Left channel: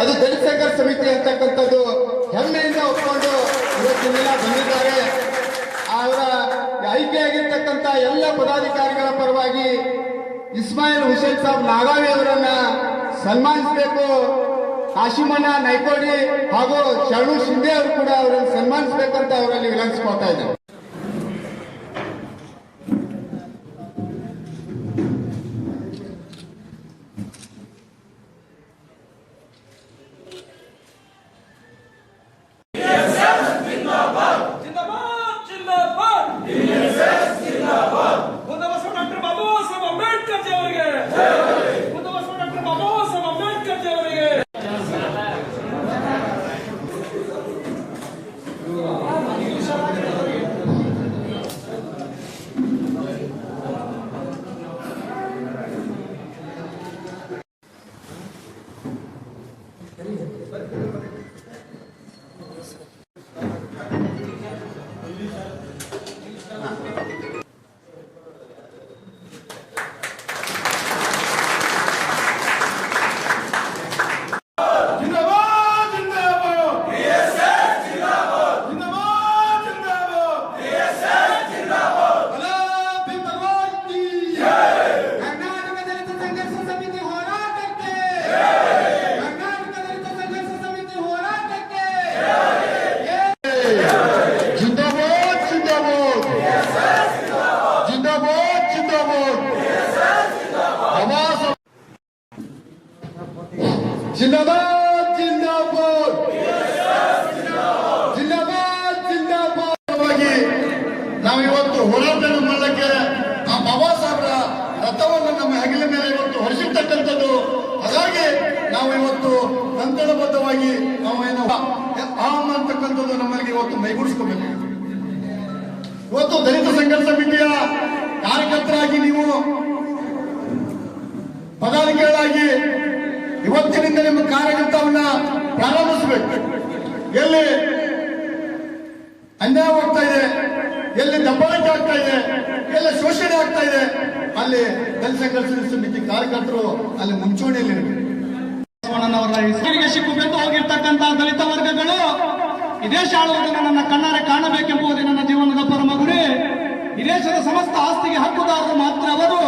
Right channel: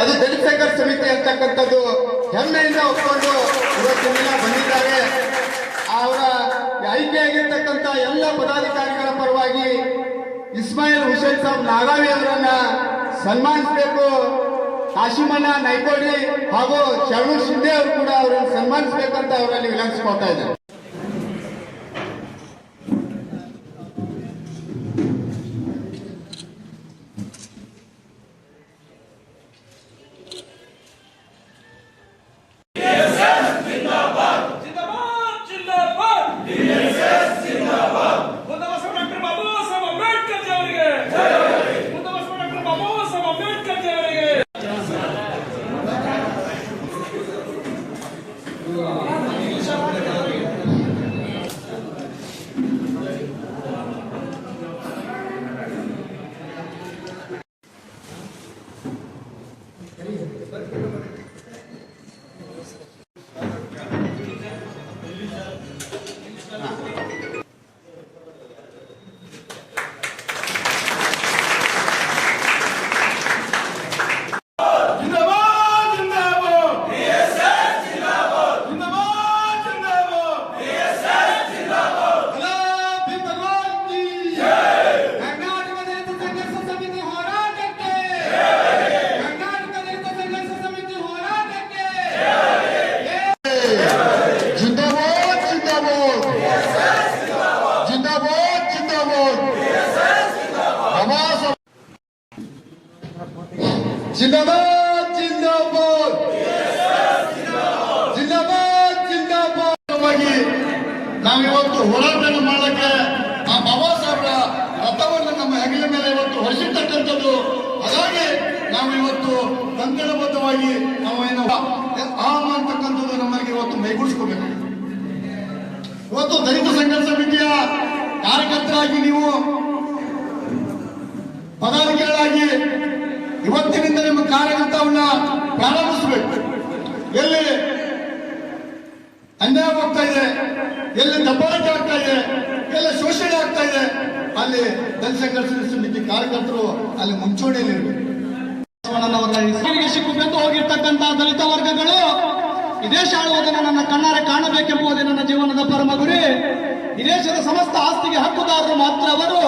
ಅದು ದಲಿತ ಸಮಿತಿ ಅಂತಕ್ಕಂಥದ್ದು ಹೆಮ್ಮೆಯಿಂದ ಒಪ್ಪಿಕೊಂಡು ಇವತ್ತು ದಿನ ಬಂದಿದ್ದಾರೆ. ಅವರ ಆಯ್ಕೆಯಾಗಿರ್ತಕ್ಕಂಥ ಎಲ್ಲ ಪದಾಧಿಕಾರಿಗಳ ಪರವಾಗಿ ಇಸ್ಮಾಯಿಲ್ ಹುಸೇನ್ ಸಾಬ್ ನಾಗಾವಿ ಅವರನ್ನ ಸನ್ಮಾನಿಸಬೇಕು. ಕಾಶಿಮನ ನೈಕೋಡಿ ಹಾಗೂ ಶರಣು ಶಿಂದೆ ಅವರು ಕೂಡ ಅವರನ್ನು ಸನ್ಮಾನಿಸಬೇಕಂತ ಅವರಲ್ಲಿ ವಿನಂತಿಸ್ಕೊಳ್ತಾ ಇದ್ದಾರೆ. ಪದಾಧಿಕಾರಿಗಳಾಗಿ ಇವತ್ತಿನಿಂದ ನಿಮ್ಮ ಕಾರ್ಯಕರ್ತವನ್ನ ಪ್ರಾರಂಭಿಸಬೇಕು. ಎಲ್ಲಿ ಅನ್ಯಾಯವಾಗ್ತಾ ಇದೆ, ಎಲ್ಲಿ ದಬ್ಬಾಳಿಕೆ ಆಗ್ತಾ ಇದೆ, ಎಲ್ಲಿ ಶೋಷಣೆ ಆಗ್ತಾ ಇದೆ, ಅಲ್ಲಿ ಕೆಲಸ ಸಂಘರ್ಷ ಸಮಿತಿ ಕಾರ್ಯಕರ್ತರು ಅಲ್ಲಿ ಮುಂಚೂಣಿಯಲ್ಲಿ ಹೆಸರಿಗೆ ಸಿಕ್ಕು ಹೋಗಿರ್ತಕ್ಕಂಥ ದಲಿತ ವರ್ಗಗಳು ಈ ದೇಶ ಆಳುವುದನ್ನು ನನ್ನ ಕಣ್ಣಾರೆ ಕಾಣಬೇಕೆಂಬುದೇ ನನ್ನ ಜೀವನದ ಪರಮ ಗುರಿ ದೇಶದ ಸಮಸ್ತ ಆಸ್ತಿಗೆ ಹಕ್ಕುದಾರರು ಮಾತ್ರ ಅವರು.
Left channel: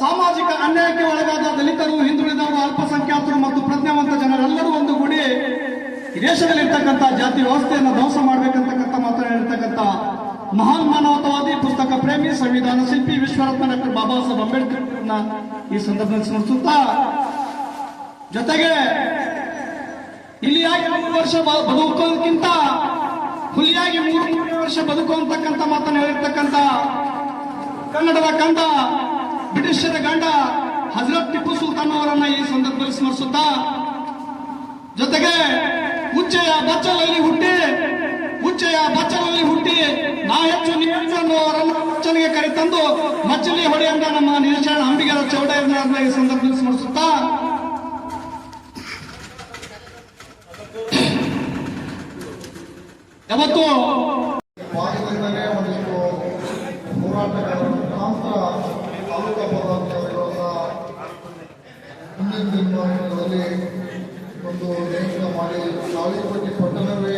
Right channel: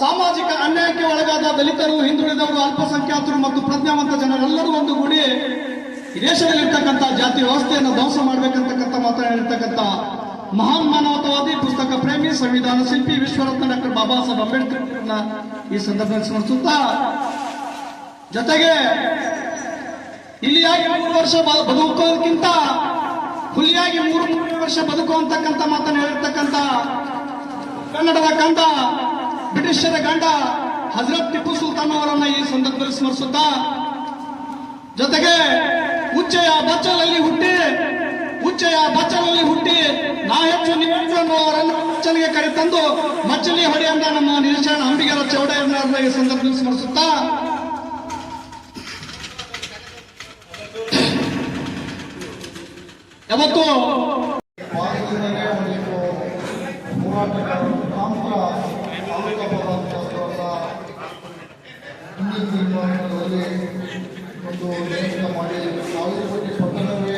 ಸಾಮಾಜಿಕ ಅನ್ಯಾಯಕ್ಕೆ ಒಳಗಾದ ದಲಿತರು, ಹಿಂದುಳಿದವರು, ಅಲ್ಪಸಂಖ್ಯಾತರು ಮತ್ತು ಪ್ರಜ್ಞಾವಂತ ಜನರೆಲ್ಲರೂ ಒಂದುಗೂಡಿ ಈ ದೇಶದಲ್ಲಿರ್ತಕ್ಕಂಥ ಜಾತಿ ವ್ಯವಸ್ಥೆಯನ್ನು ಧ್ವಂಸ ಮಾಡಬೇಕಂತಕ್ಕಂಥ ಮಾತನಾಡಿರ್ತಕ್ಕಂಥ ಮಹಾನ್ ಮಾನವತಾವಾದಿ ಪುಸ್ತಕ ಪ್ರೇಮಿ ಸಂವಿಧಾನ ಶಿಲ್ಪಿ ವಿಶ್ವರತ್ನ ಡಾಕ್ಟರ್ ಬಾಬಾ ಸಾಹೇಬ್ ಅಂಬೇಡ್ಕರ್ ಅವರನ್ನ ಈ ಸಂದರ್ಭದಲ್ಲಿ ಸ್ಮರಿಸುತ್ತಾ, ಜೊತೆಗೆ ಇಲ್ಲಿಯಾಗಿ ಮೂರು ವರ್ಷ ಬದುಕೋದಕ್ಕಿಂತ ಹುಲಿಯಾಗಿ ಮೂರು ಮೂರನೇ ವರ್ಷ ಬದುಕು ಅಂತಕ್ಕಂಥ ಮಾತನ್ನು ಹೇಳಿರ್ತಕ್ಕಂಥ ಕನ್ನಡದ ಗಂಡ ಬ್ರಿಟಿಷರ ಗಂಡ ಹಜರತ್ ಟಿಪ್ಪು ಸುಲ್ತಾನ್ ಅವರನ್ನ ಈ ಸಂದರ್ಭದಲ್ಲಿ ಸ್ಮರಿಸುತ್ತಾ, ಜೊತೆಗೆ ಉಚ್ಚೆಯ ಬಚ್ಚಲಲ್ಲಿ ಹುಟ್ಟಿ ಉಚ್ಚೆಯ ಬಚ್ಚಲಲ್ಲಿ ಹುಟ್ಟಿ ನಾ ಹೆಚ್ಚು ಅವರನ್ನು ಕರೆ ತಂದು ಮಚ್ಚಲಿ ಹೊಡೆಯಂದ ನಮ್ಮ ನಿರೀಕ್ಷಣ ಅಂಬಿಗರ ಚೌಡ ಈ ಸಂದರ್ಭದಲ್ಲಿ ಸ್ಮರಿಸುತ್ತಾ, ಯಾವತ್ತು ಹೋರಾಟಗಾರರು ಮುಖಾಂತರ ತಾಲೂಕಾ ಪದಾರ್ಥಗಳನ್ನು ಒಂದು ನೇಮಕ ಮಾಡಿ ಸಾವಿರಪಟ್ಟಿ ಪಟ್ಟಣವೇ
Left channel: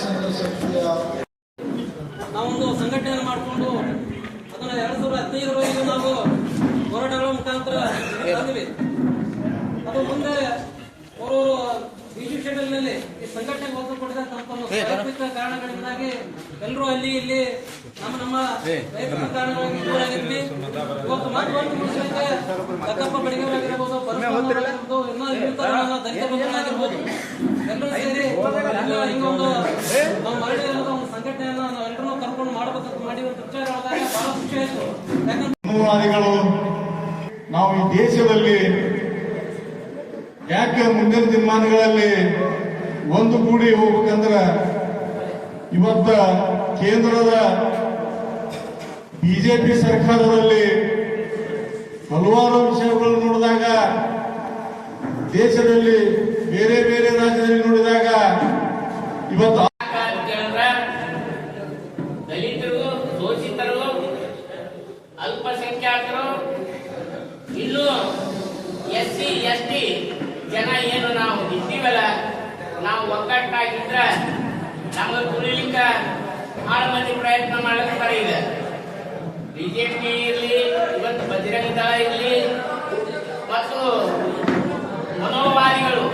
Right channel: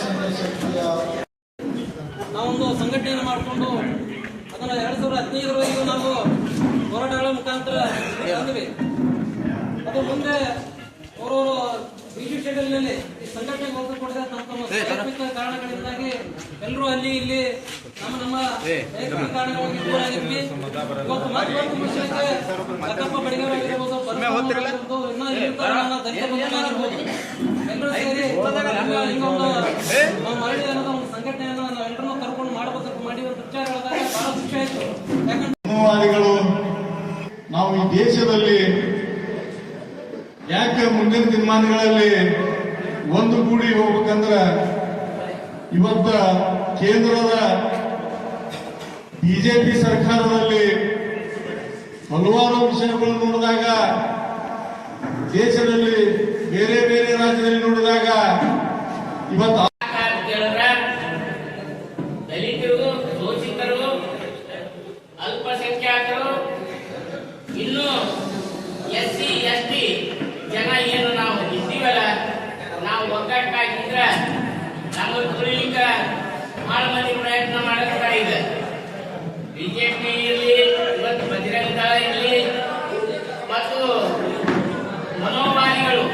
ಒಂದು ಶಕ್ತಿಯ ನಾವೊಂದು ಸಂಘಟನೆಯನ್ನು ಮಾಡಿಕೊಂಡು ಅದನ್ನ ಎರಡ್ ಸಾವಿರದ ಹದಿನೈದರವರೆಗೂ ನಾವು ಹೋರಾಟಗಳ ಮುಖಾಂತರ ತಂದ್ವಿ. ಅದು ಮುಂದೆ ಅವರವರು ಬಿಜಿ ಶೆಡ್ಯೂಲ್ನಲ್ಲಿ ಸಂಘಟನೆಗೆ ಒತ್ತು ಕೊಡಿದ ತಮ್ಮ ತಮ್ಮ ವೈಯಕ್ತಿಕ ಕಾರಣಗಳಿಂದಾಗಿ ಎಲ್ಲರೂ ಅಲ್ಲಿ ಇಲ್ಲಿ ನಮ್ಮ ನಮ್ಮ ವೈಯಕ್ತಿಕ ಕಾರಣಗಳಿಗೆ ದೂರಾಗಿದ್ವಿ ಇವತ್ತು ಮಾತುಕತೆ ಮುಗಿಸಲಿಕ್ಕೆ ಲಕ್ಕಪ್ಪ ಬಡಿಗೆಯವರಾಗಿರ್ಬೋದು ಪರಮಾಗಿರ್ಬೋದು ಇನ್ನೂ ಇರ್ತಾರೆ ನನ್ನ ದಲಿತ ಬಂಧುಗಳಾಗಿರ್ಬೋದು ಎಲ್ಲರೂ ಸೇರಿ ಹಿಂಗ ಹಿಂಗೊಂದು ನಾವು ಮರಳಿ ಅನ್ನೋದು ಒಂದು ಸಂಘಟನೆಯನ್ನ ನಾವೆಲ್ಲರೂ ಕರ್ಕೊಂಡು ಮಾಡಬೇಕು ಮಾಡಿ ಒಂದು ವಿಚಾರ ಹೇಳಿದಾಗ ಬಹಳ ಖುಷಿ ಆಯ್ತು. ಯಾಕಂದ್ರೆ ನಾವು ಈ ದೇಶದಲ್ಲಿ ಯಾಕೆ ಮುಂದಿನ ದಿನಮಾನಗಳಲ್ಲಿ ಒಂದು ಕೂಡಿ ಹೋಗ್ಬೇಕಂದ್ರ ಇವತ್ತ ಕೇಂದ್ರದ ಬಿಜೆಪಿ ಸರ್ಕಾರದಲ್ಲಿ ಹಲವಾರು ವಿಷಯಗಳು ನೋಡಿದಾಗ ದೇಶದಲ್ಲಿ ಬೇರೆ ಬೇರೆ ರಾಜ್ಯದಲ್ಲಿ ನೋಡಿದಾಗ ಇವತ್ತು ಕೇಳಿದ್ರೆ ದಲಿತರು ಶೋಷಿತರು ಅಲ್ಪಸಂಖ್ಯಾತರು ಇನ್ನು S S C S T ಜನ ಏನು ನಾವು ಇದ್ದೀವಲ್ಲ ನಾವು ಒಗ್ಗಟ್ಟಾಗಿದ್ರ ನಮಗೆ ತುಳಿಲಿಕ್ಕ ಬಹಳ ಮಂದಿ ಪ್ರಯತ್ನ ಮಾಡುತ್ತಾ ಇಲ್ಲ ಬಿಜೆಪಿ ಇರಲಿ ಇವತ್ತು ಬಜರಂಗ ದಳ ಇರಲಿ, ಮತ್ತು ಮನೋಭಾವಿಗಳು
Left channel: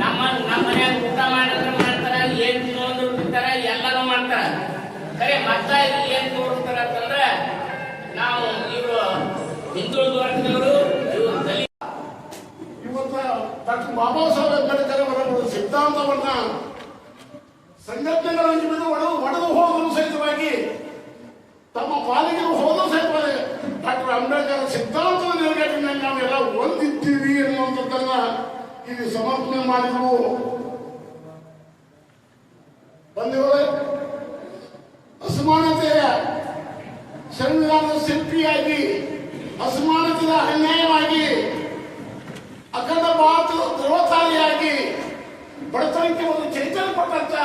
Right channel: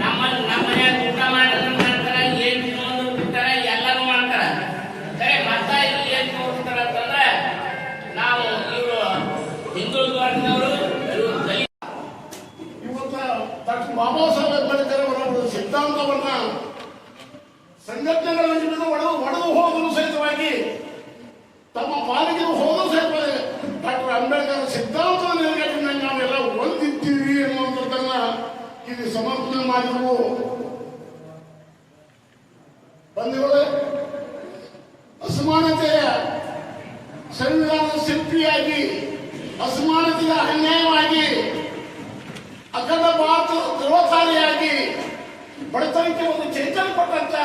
ನಮ್ಮ ನಮ್ಮ ಮನ್ಯಾಗ ಊಟ ಮಾಡಿದ್ರೆ ಮಾಡ್ತಾರ, ಏನ್ ತಿನ್ನೋದು ಬಿಡ್ತಾರ ಎಲ್ಲಾನು ಮಾಡ್ತಾರ. ಸರಿ ಮತ್ತ ಇಲ್ಲಿ ಏನ್ ತೋರಿಸ್ತಾರ ಅಂತಂದ್ರೆ ನಾವು ಇವರು ಹಿಂದುಳಿದ ವರ್ಗದವರು ಇವತ್ತು ಡಾಕ್ಟರ್ ಬಾಬಾ ಸಿದ್ಧಾಂತವನ್ನ ಸಂಘಟನೆಗಳನ್ನು ಬಿಡು ಒಡೆದು ಒಡೆದು ಹೋಗಲು ಸಹಿತವಾಗಿ ತಮ್ಮ ಪಾಲಿಗೆ ಹೋಗಲು ಸಹಿತವಾಗಿ. ಡಾಕ್ಟರ್ ಅಂಬೇಡ್ಕರ್ ಸಿದ್ಧಾಂತದ ನೆಲೆಗಟ್ಟಿನಲ್ಲಿ ನಾವೆಲ್ಲ ಒಂದಿದ್ದೀವಿ ಎನ್ನುವಂಥದ್ದನ್ನ ಇಲ್ಲಿ ಸಮರ್ಪಣೆ ಮಾಡಿದ್ರು. ಬಂಧುಗಳೇ, ಅಸಮಾನತೆಯ ಸಂವಿಧಾನದ ಶಿಲ್ಪಿಯಾಗಿ ಅಸಮಾನತೆಯ ಅನ್ಯಾಯವಾಗಿ, ಅಖಂಡ ಭಾರತದ ಧ್ರುವತಾರಿಯಾಗಿ ಬಡತನಕ್ಕೆ ಒಂದು ಚೈತನ್ಯ ಪಟ್ಟಂತ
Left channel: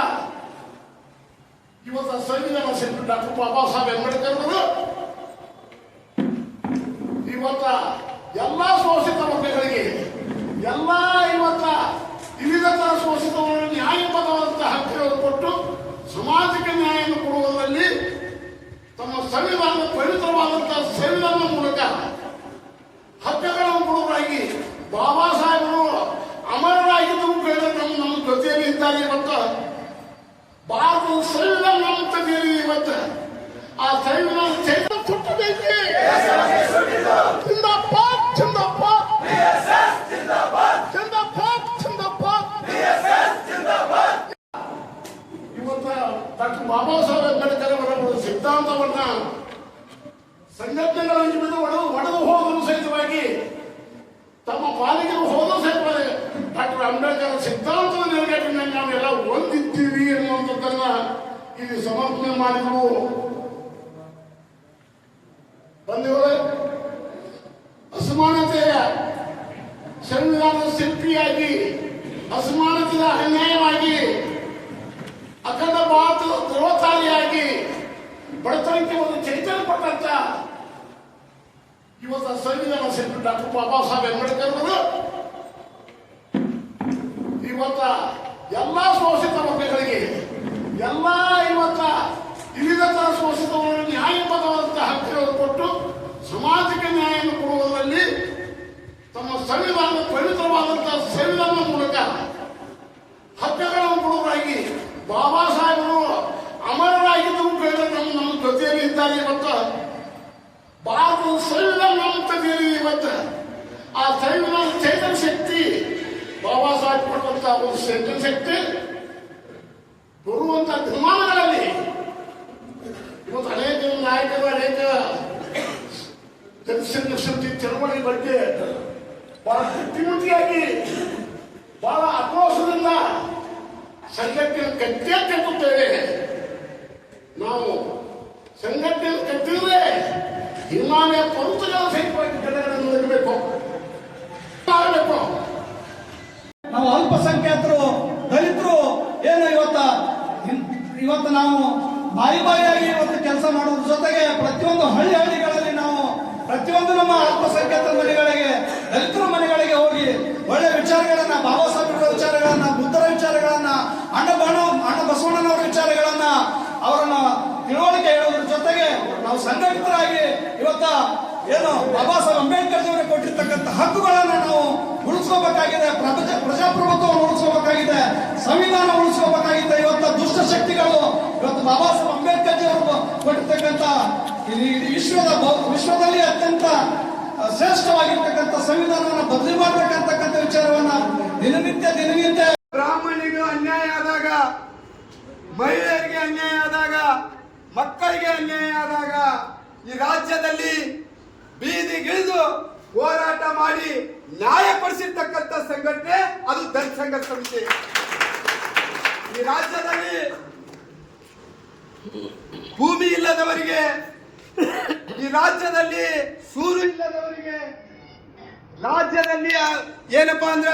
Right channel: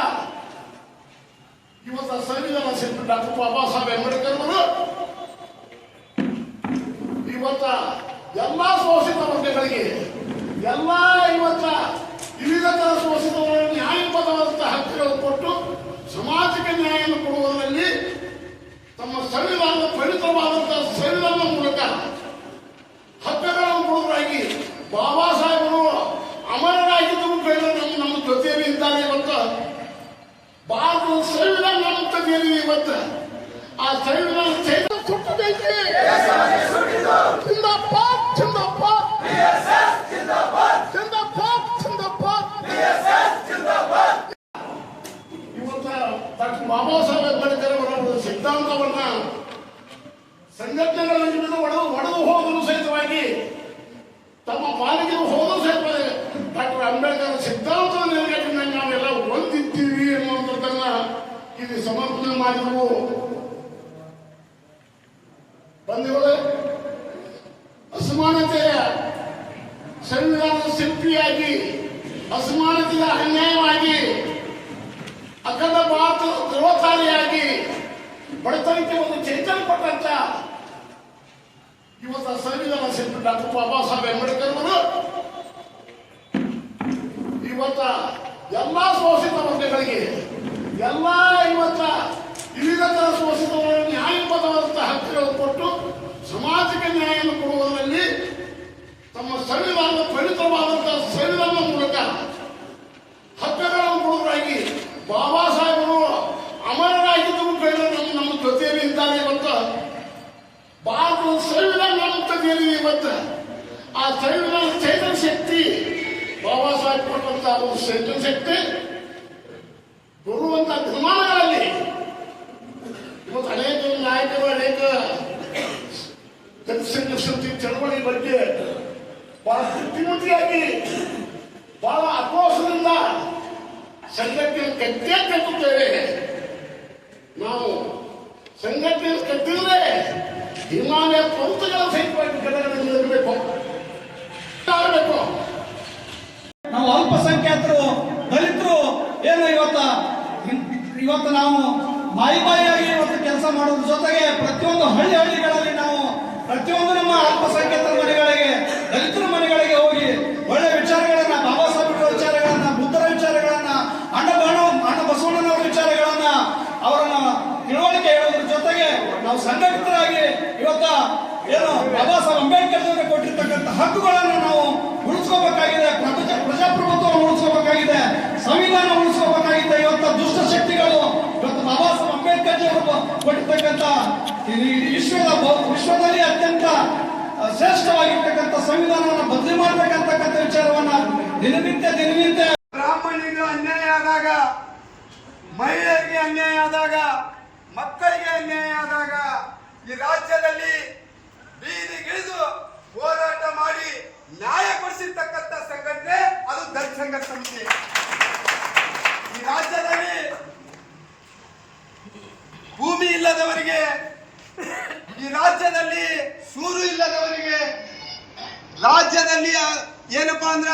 ಇವತ್ತು ಸಂವಿಧಾನ ಶಿಲ್ಪಿ ಡಾಕ್ಟರ್ ಬಾಬಾ ಸಾಹೇಬ್ ಅಂಬೇಡ್ಕರ್ ಅವರು ಇವತ್ತ ಎಲ್ಲಾ ಶೋಷಿತ ವರ್ಗಗಳಿಗೆ, ಎಲ್ಲಾ ಇವತ್ತ ವಿವಿಧ ತರ ಶೋಷಿತ ನ್ಯಾಯಬದ್ಧವಾದಂತಹ ಹಕ್ಕುಗಳನ್ನು ಕೊಟ್ಟು ಸಮಾಜಕ್ಕೆ ನ್ಯಾಯವನ್ನು ಕೊಡುವುದರಲ್ಲಿ ತಮ್ಮ ಸಂವಿಧಾನದ ಪವಿತ್ರವಾದಂತಹ ಸಂವಿಧಾನದ ಮೂಲಕ ಹಕ್ಕುಗಳನ್ನು ಕೊಡುವುದಾಗಿ ಬಾಬಾ ಸಾಹೇಬರು ಅಮರರಾಗಿದ್ದರೂ ಬೇಡ ನಮ್ಮ ನಮ್ಮ ಜೊತೆಯಲ್ಲಿ ಇದ್ದಾರೆ ಇವತ್ತು ಸಂವಿಧಾನ ನಮ್ಮ ಜೊತೆಯಲ್ಲಿ ಇವತ್ತು. ಆ ಸಂವಿಧಾನ ಚೈತನ್ಯ ಸುಟ್ಟದೈತಿ ಜಿಂದಾಬಾದ್ ಜಿಂದಾಬಾದ್ ಜಿಂದಾಬಾದ್ ಜಿಂದಾಬಾದ್ ಇವತ್ತ ಡಾಕ್ಟರ್ ಬಾಬಾ ಸಾಹೇಬ್ ಅಂಬೇಡ್ಕರ್ ಅವರ ಒಂದು ಸಿದ್ಧಾಂತವನ್ನ ಸಂಘಟನೆಗಳನ್ನು ಬಿಡು ಒಡೆದು ಒಡೆದು ಹೋಗಲು ಸಹಿತವಾಗಿ ತಮ್ಮ ಪಾಲಿಗೆ ಹೋಗಲು ಸಹಿತವಾಗಿ ಡಾಕ್ಟರ್ ಅಂಬೇಡ್ಕರ್ ಸಿದ್ಧಾಂತದ ನೆಲೆಗಟ್ಟಿನಲ್ಲಿ ನಾವೆಲ್ಲ ಒಂದಿದ್ದೀವಿ ಅನ್ನುವಂಥದ್ದನ್ನ ಇಲ್ಲಿ ಸಮರ್ಪಣೆ ಮಾಡಿದ್ರು. ಬಂಧುಗಳೇ ಅಸಮಾನತೆಯ ಸಂವಿಧಾನದ ಶಿಲ್ಪಿಯಾಗಿ, ಅಸಮಾನತೆಯ ಅನ್ಯಾಯವಾಗಿ, ಅಖಂಡ ಭಾರತ ಧ್ರುವತಾರಿಯಾಗಿ ಬಡತನಕ್ಕೆ ಒಂದು ಚೈತನ್ಯ ಪಟ್ಟಂತ ಇವತ್ತು ಸಂವಿಧಾನ ಶಿಲ್ಪಿ ಡಾಕ್ಟರ್ ಬಾಬಾ ಸಾಹೇಬ್ ಅಂಬೇಡ್ಕರ್ ಅವರು ಇವತ್ತ ಎಲ್ಲಾ ಶೋಷಿತ ವರ್ಗಗಳಿಗೆ, ಎಲ್ಲ ಇವತ್ತ ವಿವಿಧ ತರ ಶೋಷಿತ ನ್ಯಾಯಪದವಾದಂತಹ ಹಕ್ಕುಗಳನ್ನು ಕೊಟ್ಟು ಸಮಾಜಕ್ಕೆ ನ್ಯಾಯವನ್ನು ಕೊಡುವುದರಲ್ಲಿ ತಮ್ಮ ಸಂವಿಧಾನದ ಪವಿತ್ರವಾದಂತಹ ಸಂವಿಧಾನದ ಮೂಲಕ ಹಕ್ಕುಗಳನ್ನು ಕೊಡುವುದಾಗಿ ಬಾಬಾ ಸಾಹೇಬರು ಅಮರರಾಗಿದ್ದರು ಬೇಡ ನಮ್ಮ ನಮ್ಮ ಜೊತೆಯಲ್ಲಿ ಇದ್ದಾರೆ ಇವತ್ತು. ಭಾರತದ ಸಂವಿಧಾನ ನಮ್ಮ ಜೊತೆಯಲ್ಲಿ ಇವತ್ತು. ಆ ಸಂವಿಧಾನ ಚೈತನ್ಯ ಶಕ್ತಿ ಕೊಟ್ಟಂತ ಒಂದು ಶಕ್ತಿ ಶಕ್ತಿ ಬರುವಂತಹ ದಿನಮಾನಗಳಲ್ಲಿ ಇವತ್ತು ಅನೇಕ ನಾಯಕರು, ಅನೇಕ ಜನಸಂಘ ಚಳವಳಿ ಬಗ್ಗೆ ಬಹಳ ಬುದ್ಧಿಮತಿಯಾಗಿ ಬಹಳ ಆಕ್ರೋಶದಿಂದ ಸಂಘಟನೆ ಕಟ್ಟೇ ಕಟ್ಟುತ್ತೇವೆ ನಾವು ಸಂಘಟನೆ ಕಟ್ಟಿದ್ರೆ ಹಿಮಾಲಯ ಪಂತಗಳ ಸಹಿತವಾಗಿ ಕಡೆಗಳನ್ನು ಇರಬೇಕು ನಾವು ಅಲ್ಪಸಂಖ್ಯಾತರು, ದಲಿತರು, ಏನು ಇವತ್ತ? ಇವತ್ತು ನಾವು ಬಾಯಿ ಬಾಯಿಯಾಗಿ ಇವತ್ತು ಕೆಲಸ ಮಾಡೋದ್ರ ಜೊತೆಗೆ ಪ್ರತಿಯೊಂದು ಹಳ್ಳಿ ಹಳ್ಳಿಗಳಲ್ಲಿ ನಾವು ಪ್ರತಿಯೊಂದು ನಮ್ಮ ಅಲ್ಪಸಂಖ್ಯಾತರ ಮನೆಗಳಿಗೆ, ದಲಿತರ ಮನೆಗಳಿಗೆ ಹೋಗಿ ಒಳ್ಳೆ ವಿಚಾರಗಳನ್ನ, ಬಾಬಾ ಸಾಹೇಬ್ರ ವಿಚಾರಗಳನ್ನ, ಬುದ್ಧರ ವಿಚಾರಗಳನ್ನ, ಅಣ್ಣ ಬಾಣು ಅಣ್ಣ ಬಸವಣ್ಣನವರ ವಿಚಾರಗಳನ್ನ ಅವರನ್ನು ತಿಳುವಳಿಕೆ ಹೇಳೋದ್ರ ಜೊತೆಗೆ ನಾವು ಸಂಘಟಿತರಾಗಿ ಇವತ್ತ ಏನು ಬಾಬಾ ಸಾಹೇಬ್ ಅಂಬೇಡ್ಕರ್ ಕೊಟ್ಟಿರ್ತಕ್ಕಂಥ ಹಕ್ಕುಗಳನ್ನು ನಾವು ಉಳಿಸ್ಕೋಬೇಕಾಗಿದೆ. ಪ್ರಪಂಚ ಪ್ರಜಾಪ್ರಭುತ್ವ ಉಳಿಸ್ಕೋಬೇಕಾಗಿದೆ, ಸಂವಿಧಾನ ಉಳಿಸ್ಕೋಬೇಕಾಗಿದೆ ಇವತ್ತ ದುಷ್ಟ ಶಕ್ತಿಗಳು. ಇವತ್ತು ಬಾಬಾ ಸಾಹೇಬ್ ಅಂಬೇಡ್ಕರ್ ಜಿ ಅವರು ಕೊಟ್ಟಿರ್ತಕ್ಕಂತ ವಿಶ್ವದ ವಿಶ್ವದಲ್ಲಿ ಅತ್ಯಂತ ಶ್ರೇಷ್ಠವಾಗಿರ್ತಕ್ಕಂಥ ಸಂವಿಧಾನವನ್ನು ಬದಲಿ ಮಾಡ್ಬೇಕಂತಕ್ಕಂಥ ವಿಚಾರವನ್ನ ದಿನನಿತ್ಯ ದಿನನಿತ್ಯ ಬ್ರಾಹ್ಮಣಿಗೆ ಅನ್ಯಾಯ ಆದಾಗ, ಮಹಿಳೆಯರಿಗೆ ಅನ್ಯಾಯ ಆದಾಗ, ಮಕ್ಕಳಿಗೆ ಅನ್ಯಾಯ ಆದಾಗ, ಈ ರಾಜ್ಯದಲ್ಲಿ ಬೀದಿಗಿಳಿದು ಹೋರಾಟ ಮಾಡಿ ನ್ಯಾಯಪಡಿಸಿರ್ತಕ್ಕಂಥ ಸಂಘಟನೆ, ಅದು ದಲಿತ ಸಂಘರ್ಷ ಸಂಸ್ಥೆ ಈ ರಾಜ್ಯದಲ್ಲಿ ಭೂಮಿ ಇಲ್ಲದವರಿಗೆ, ಈ ರಾಜ್ಯದಲ್ಲಿ ಸೂರು ಇಲ್ಲದವರಿಗೆ, ರಾಜ್ಯದಲ್ಲಿ ಏನಪ್ಪಾ ಅಂದ್ರ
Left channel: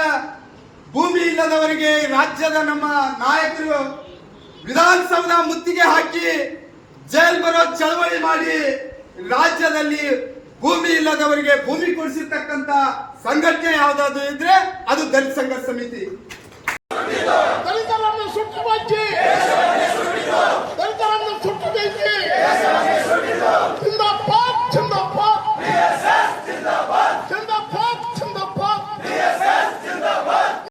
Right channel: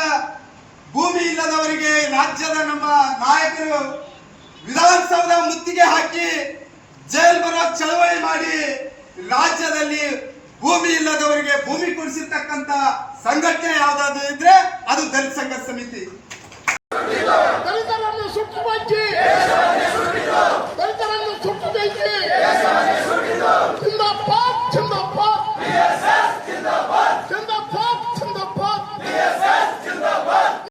ಭೂಮಿ ಇಲ್ಲದವರಿಗೆ ರಾಜ್ಯದ ನಮ್ಮ ನಾಯಕರು ವಿಧಾನಸೌಧ ಮುತ್ತಿಗೆ ಹಾಕಿ ಜೈಲ್ ಬರೋ ಚಳವಳಿ ಮಾಡಿ ರಾಜ್ಯದಲ್ಲಿ ಭೂಮಿ ಇಲ್ಲದವರಿಗೆ ಭೂಮಿ ಕೊಡಿಸಿರ್ತಕ್ಕಂತ ಸಂಘಟನೆ ಯಾವ್ದಾದ್ರು ಇದ್ರೆ ಅದು ದಲಿತ ಸಂಘ ಸಮಿತಿ.